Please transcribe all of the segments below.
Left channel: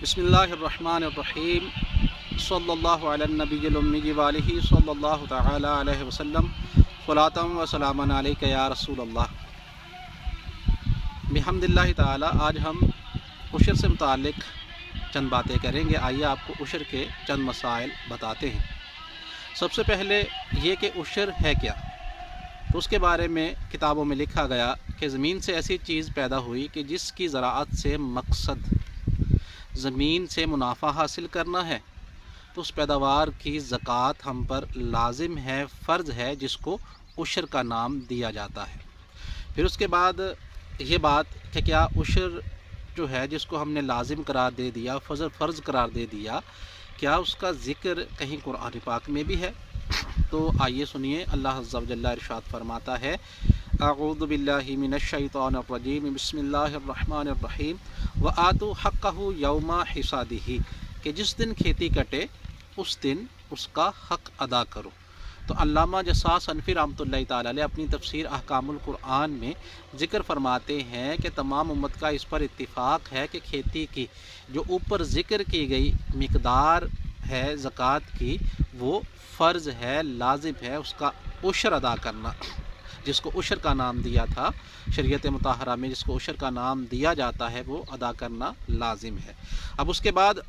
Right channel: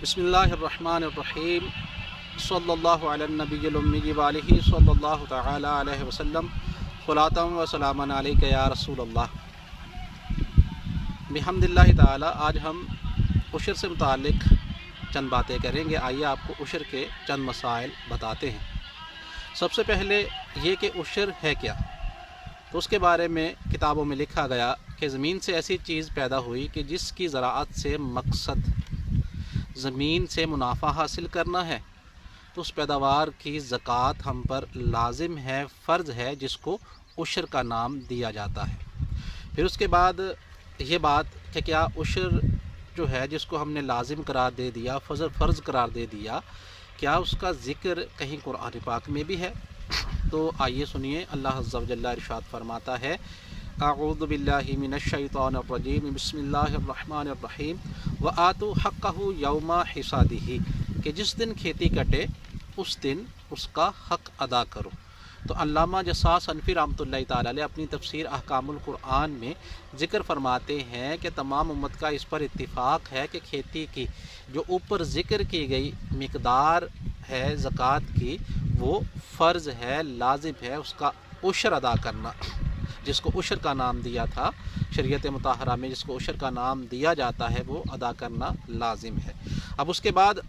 बिस्मिल्लाहिर्रहमानिर्रहीम सल्लल्लाहु अला नबील उम्मी व आलिहि सल्लल्लाहु तआला अलैहि वसल्लम सलातम व सलामन अलैका या रसूल अल्लाह। बिहम्दिल्लाहि ताला आज हम उशर से मुतालिक चंद बातें करेंगे। आइए आपको उशर के चंद मसाइल बताते हैं। सबसे पहले ये कि उशर है क्या, तो उसके बारे में किताबों में लिखा गया कि ज़मीन से ऐसी चीज़ पैदा हुई कि जिसकी ज़राअत से मकसद ज़मीन से मुनाफा हासिल करना है, तो उस पैदावार की ज़कात हम पर लाजिम है, फ़र्ज़ है, जिसको उशर का नाम दिया जाता है। फिर उसके बाद ये बात कि क्या उशर जो है जिसको हमने लाजिम करार दे दिया, फ़र्ज़ करार दे दिया, क्या उसका ज़िक्र कहीं कुरान पाक में भी है? तो आइए सुनिए। अल्लाह अज़्ज़ा व जल्ला इरशाद फरमाता है, अऊज़ु बिल्लाहि मिनश शैतानिर रजीम, बिस्मिल्लाहिर्रहमानिर्रहीम, व आतू हक़्क़हु यौमा हिसादिही, कि जिस दिन खेती कटे उस दिन उसका हक़ अदा करो। तो अल्लामा जस्सास हनफी रहमतुल्लाहि ताला अलैह अपनी तफसीर अहकामुल कुरान में ज़िक्र फरमाते हैं कि तमाम उम्मत का इस पर इत्तिफ़ाक़ है कि खेती की जो ऊपर ज़िक्र की गई मिक़दार है ज़कात की, वो फ़र्ज़ है, लाजिम है उसका उशर अदा करना, जिसको उशर का नाम दिया था शरीयत मुताहरा में, जिसको उशर का नाम दिया जाता है, वो अदा करना लाजिम है। अब उसके बाद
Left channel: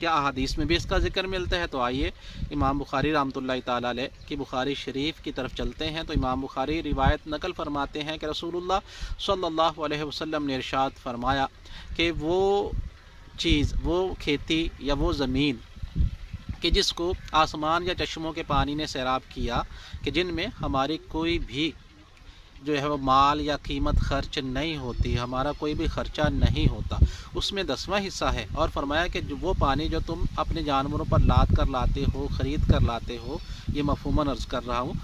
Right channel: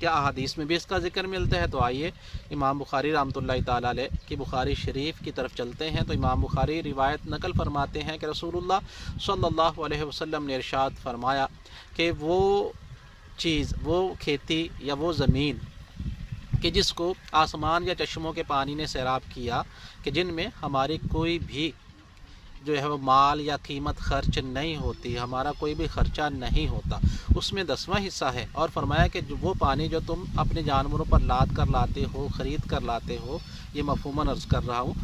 क्या अहादीस में भी इसका ज़िक्र मिलता है? तो आइए इमाम बुखारी रहमतुल्लाहि ताला अलैह की बुखारी शरीफ की तरफ चलते हैं। तो इमाम बुखारी रिवायत नकल फरमाते हैं कि रसूलुल्लाह सल्लल्लाहु अलैहि वसल्लम ने इरशाद फरमाया कि वो चीज़, वो खेती या वो ज़मीन कि जिसको आसमान या चश्मों के पानी ने सैराब किया, कि जिनमें हमारी कोई भी जो है वो माल या कीमत खर्च नहीं होती, हमारा कोई भी ख़र्चा नहीं होता, उसमें 10वां हिस्सा है। और फरमाया कि वो पानी जो तुम अपने जानवरों पर लाद कर लाते हो, ख़रीद कर लाते हो, ये मफ़हूमन अर्ज़ कर रहा हूँ,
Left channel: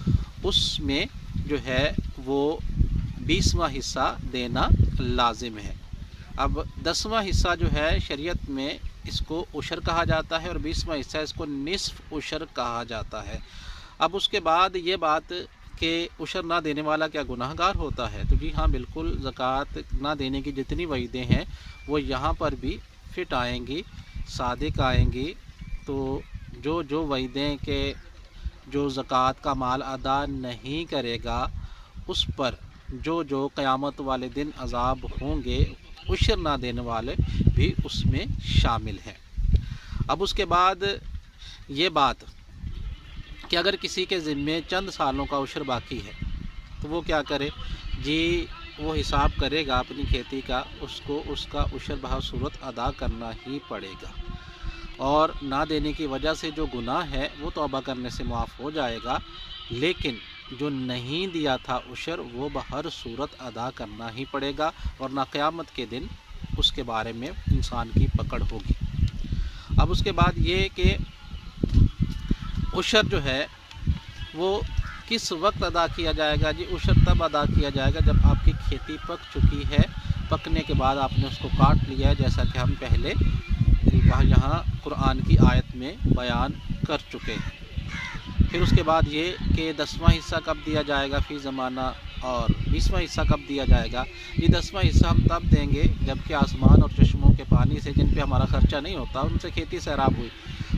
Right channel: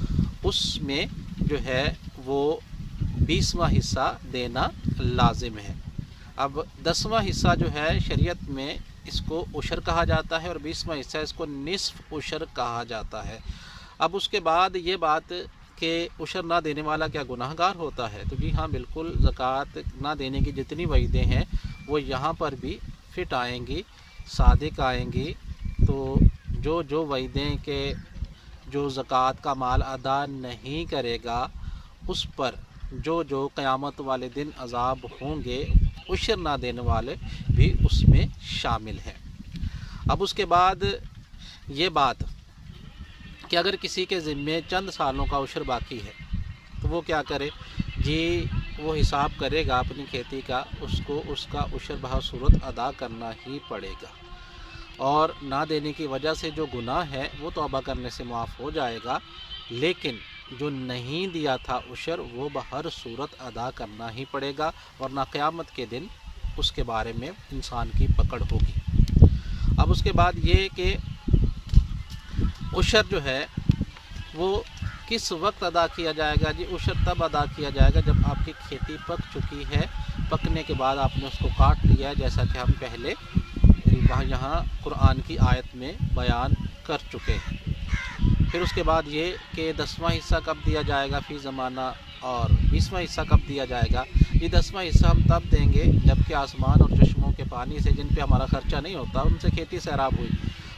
उसमें जो है वो 20वां हिस्सा देना लाजिम है। अब 10वां हिस्सा जो है शरीयत में इसको उशर कहा जाता है और 20वां हिस्सा इसको निस्फ़ उशर कहा जाता है। अब उसके बाद ये बात कि उशर ना देने वाला क्या गुनाहगार होता है? तो जी हाँ, बिल्कुल। ज़कात ना देने की जितनी वईदें हैं वो यहाँ पर भी फिट आएंगी, सादिक आएंगी। तो जो वईदें के जो ज़कात का माल अदा नहीं करेगा उस पर जो क़यामत वाले दिन अज़ाब होंगे, उशर ना देने वाले भी उसमें शामिल हैं। अब उसके बाद ये बात कि अगर किसी के ज़िम्मे चंद सालों का उशर बाकी है तो वो क्या करे? जी, वो हिसाब करेगा अपनी खेती का, उसको उसका उशर बसूरत अदा करना ही पड़ेगा। और ना देने की वजह से जो गुनाह है वो तौबा करने से मुआफ़ हो जाएगा, लेकिन जो नहीं दिया था उशर वो बहर सूरत अदा करना ही पड़ेगा, और ना क़यामत के दिन उसके बारे में इंसान की पकड़ होगी। अब उसके बाद ये कि उशर जो है वो किस वक्त अदा किया जाएगा? जी, उशर तब अदा किया जाएगा जब आपकी खेती पक चुकी है, पकने के बाद आपने उसको काट लिया है, जैसा कि हम पहले यहाँ कुरान की आयत में बयान कर चुके हैं। फिर उसके बाद ये कि 10वां हिस्सा कब दिया जाएगा फ़ी ज़माना, और 20वां हिस्सा कब दिया जाएगा? ये 10वां हिस्सा हम तब देंगे जबकि आसमान और चश्मों के पानी से, जिन पे हमारा ख़र्चा नहीं होता, उनसे खेती सैराब हुई।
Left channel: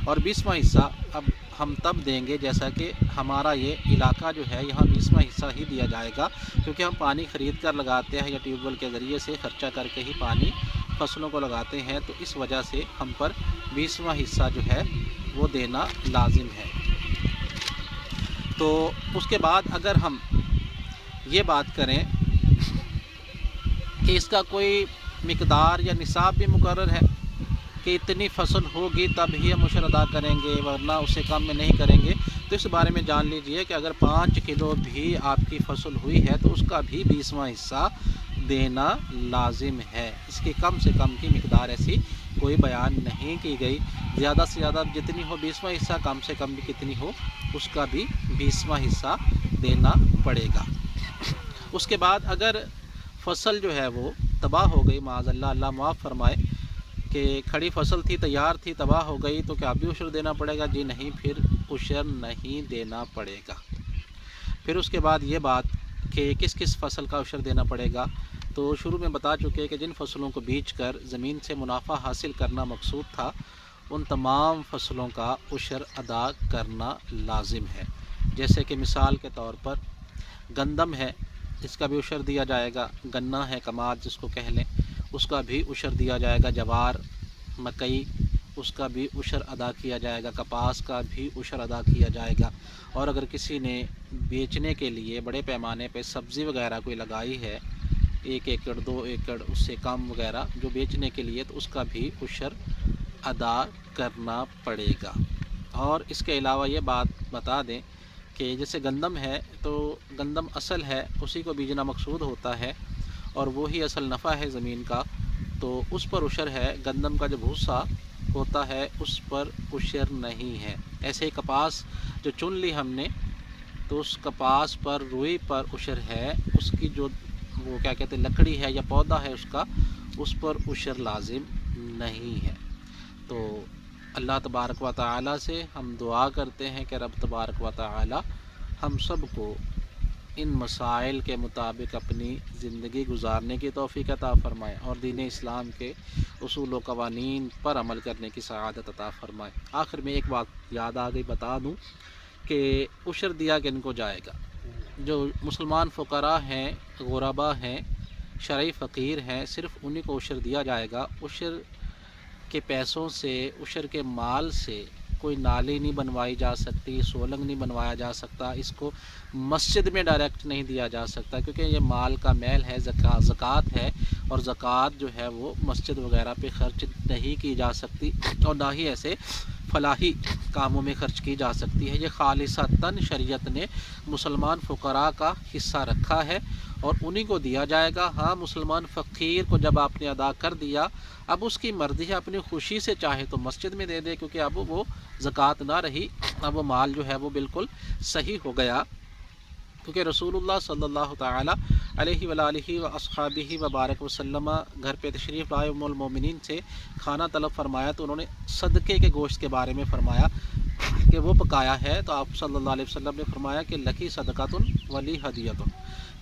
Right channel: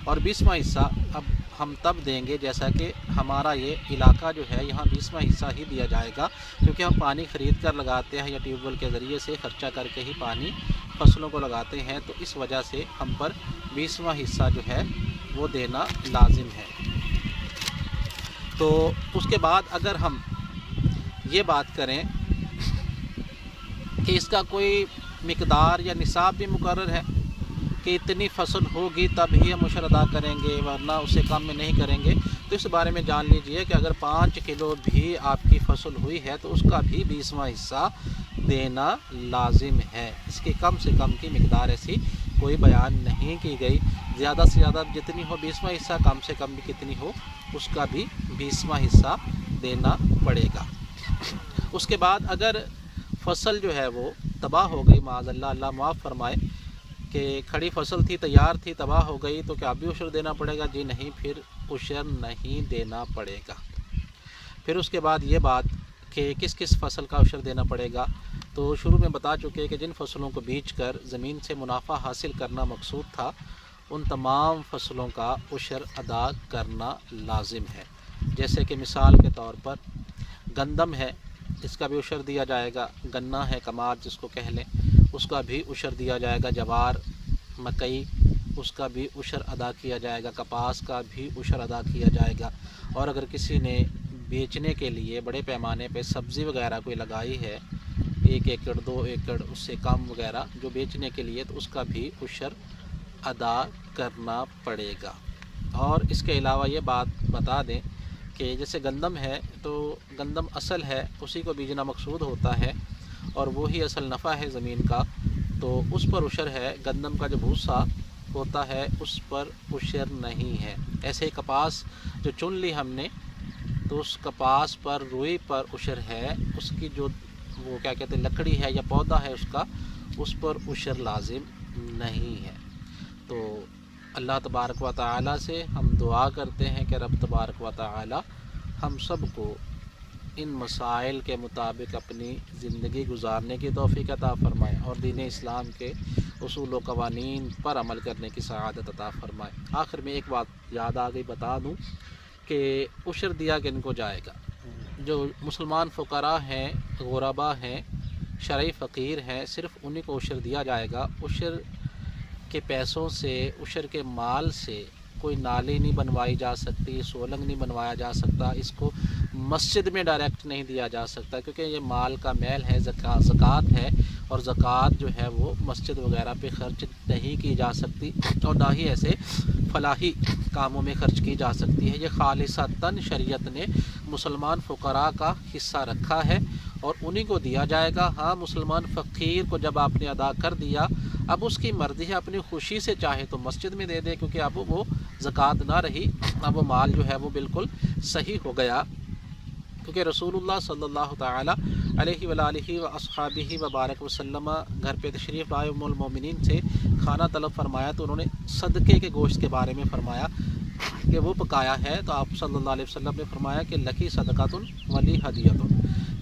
और 20वां हिस्सा अब हम तब देंगे जैसा कि हमारा ये इलाका जो है यहाँ 20वां हिस्सा ही दिया जाएगा, क्योंकि हम पानी ख़रीद कर लगाते हैं या ट्यूबवेल के ज़रिए से ख़र्चा करके ही पानी फसलों को लगाते हैं, तो इस वजह से हम पर 20वां हिस्सा जो है वो देना लाजिम है। तो उसके बाद अगर हम ये बात करें कि इसका कोई मिक़दार या निसाब भी मुकर्रर है कि इतनी फसल होगी तब ही हम उशर अदा करेंगे, वरना उससे कम में नहीं करेंगे, तो इस बारे में जान लीजिए कि अगर 5 किलो भी आपकी फसल हुई है तो उसका भी 20वां हिस्सा देना लाजिम है। इसकी कम से कम की मिक़दार ऐसी कोई बयान नहीं की गई। ज़्यादा से ज़्यादा जितनी हो 20वां हिस्सा, कम से कम भी कितनी हो उसका भी 20वां हिस्सा देना पड़ेगा। उसके बाद अगर फसल जो है वो तबाह हो गई, माज़अल्लाह, अल्लाह माफ़ फरमाए, कि खड़ी फसल थी, तैयार थी, तबाह हो गई, तो क्या भी उशर देना पड़ेगा? जी नहीं, फिर उशर नहीं देना पड़ेगा। फिर उसके बाद ये बात कि किस किस फसल का उशर देना पड़ेगा? تو شروع میں بتا چکے کہ جن فصلوں کو بیچ کر زمین سے منافع حاصل کرنا مقصود تھا ان تمام فصلوں کا عشر ادا کرنا لازم ہے۔ جیسے کہ مثال کے طور پر گندم ہے، اس کا بھی عشر دیا جائے گا، گنا ہے کماد جس کو کہہ لیں، اس کا بھی عشر دیا جائے گا، جوار، مکئی، اس کا بھی عشر ادا کیا جائے گا، کپاس کا بھی عشر ادا کیا جائے گا۔ اور اگر کسی نے بیچنے کے لیے بڑے پیمانے پہ سبزی وغیرہ کوئی لگائی ہے، 1 ایکڑ 2 ایکڑ اس سے کم وغیرہ جو بیچنے کے لیے، تو اس کا بھی عشر ادا کرنا پڑے گا۔ اور اس کے علاوہ یہ بات بتا دیں کہ جیسے گندم ہے تو گندم اصل ہے، اسی کو بیجنا مقصود ہوتا ہے اور وہی اصل نفع ہے زمین کا، تو اس پر عشر ہے۔ گندم کا جو بھوسا ہوتا ہے اس پر عشر نہیں ہے۔ ایسے ہی کپاس جو چن لی ہم نے تو اس کپاس پر، روئی پر عشر ہے، اس کی جو وہ کیا کہتے ہیں لکڑی ہے یا پودا ہے اس کا، اس پر عشر لازم نہیں ہے۔ تو اللہ تبارک و تعالی سے ہم دعا کرتے ہیں کہ رب تبارک و تعالی ہم سب کو ان مسائل کے مطابق اپنی زندگی گزارنے کی توفیق عطا فرمائے اور دین اسلام کے اصول و قوانین پر عمل کرنے کی سعادت عطا فرمائے۔ آخر میں ایک بات یاد آ گئی، بتا دوں کہ عشر دیا کن کو جائے گا؟ جو مسلمان فقراء ہیں، غربا ہیں، شرعی فقیر ہیں، صرف انہی کو عشر دیا جائے گا۔ عشر کے پیسوں سے، عشر کے مال سے کوئی نالی نہیں بنوائی جا سکتی، سولنگ نہیں بنوایا جا سکتا، اس کو مسجد میں ڈائریکٹ نہیں دیا جا سکتا، کیونکہ یہ مال کا میل ہے، زکوٰۃ ہے، اور زکوٰۃ جو ہے وہ مسجد وغیرہ پہ خرچ نہیں کی جا سکتی اور نہ ہی ایسے فلاحی کاموں میں خرچ کی جا سکتی ہے۔ یہ خالصتاً شریعت نے مسلمان فقراء کا حصہ رکھا ہے اور انہی کو دیا جائے گا۔ ہاں، مسلمان فقیر کو جب آپ نے ادا کر دیا، اب اس کی مرضی ہے، اپنی خوشی سے چاہے تو مسجد میں دے دے، کیونکہ اب وہ زکوٰۃ نہ رہی، اب وہ مال جو ہے وہ بالکل صحیح ہو گیا، کیونکہ رسول اللہ صلی اللہ تعالی علیہ وآلہ واصحابہ وبارک وسلم گھر پہ تشریف لائے، ام المومنین سے کھانا طلب فرمایا تو انہوں نے صدقے کے گوشت کے بارے میں فرمایا کہ وہ پکایا ہے، تو آپ صلی اللہ علیہ وسلم نے فرمایا کہ لکی صدقۃ ولی ہدیۃ،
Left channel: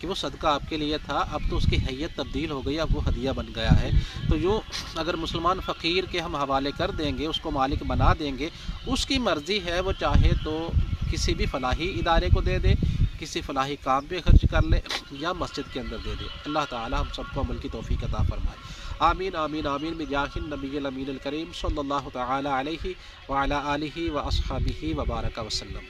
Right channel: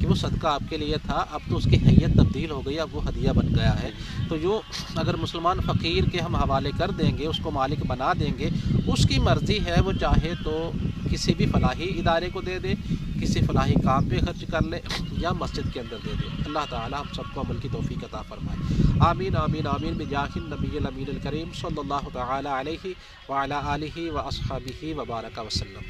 کہ وہ صدقہ آپ کے لیے تھا، اب تو اس کی حیت تبدیل ہو گئی، اب وہ ہدیہ بن گیا ہے۔ تو یوں اگر مسلمان فقیر کے ہم حوالے کر دیں گے، اس کو مالک بنا دیں گے، اس کی مرضی ہے، وہ چاہے تو کسی بھی فلاحی ادارے کو دے دے، کسی فلاحی کام پہ خرچ کر لے، یا مسجد کے اندر دے دے۔ اللہ تعالی ہم سب کو عمل کی توفیق عطا فرمائے۔ آمین آمین آمین بجاہ النبی الامین الکریم صلی اللہ تعالی علیہ وعلی آلہ واصحابہ وبارک وسلم۔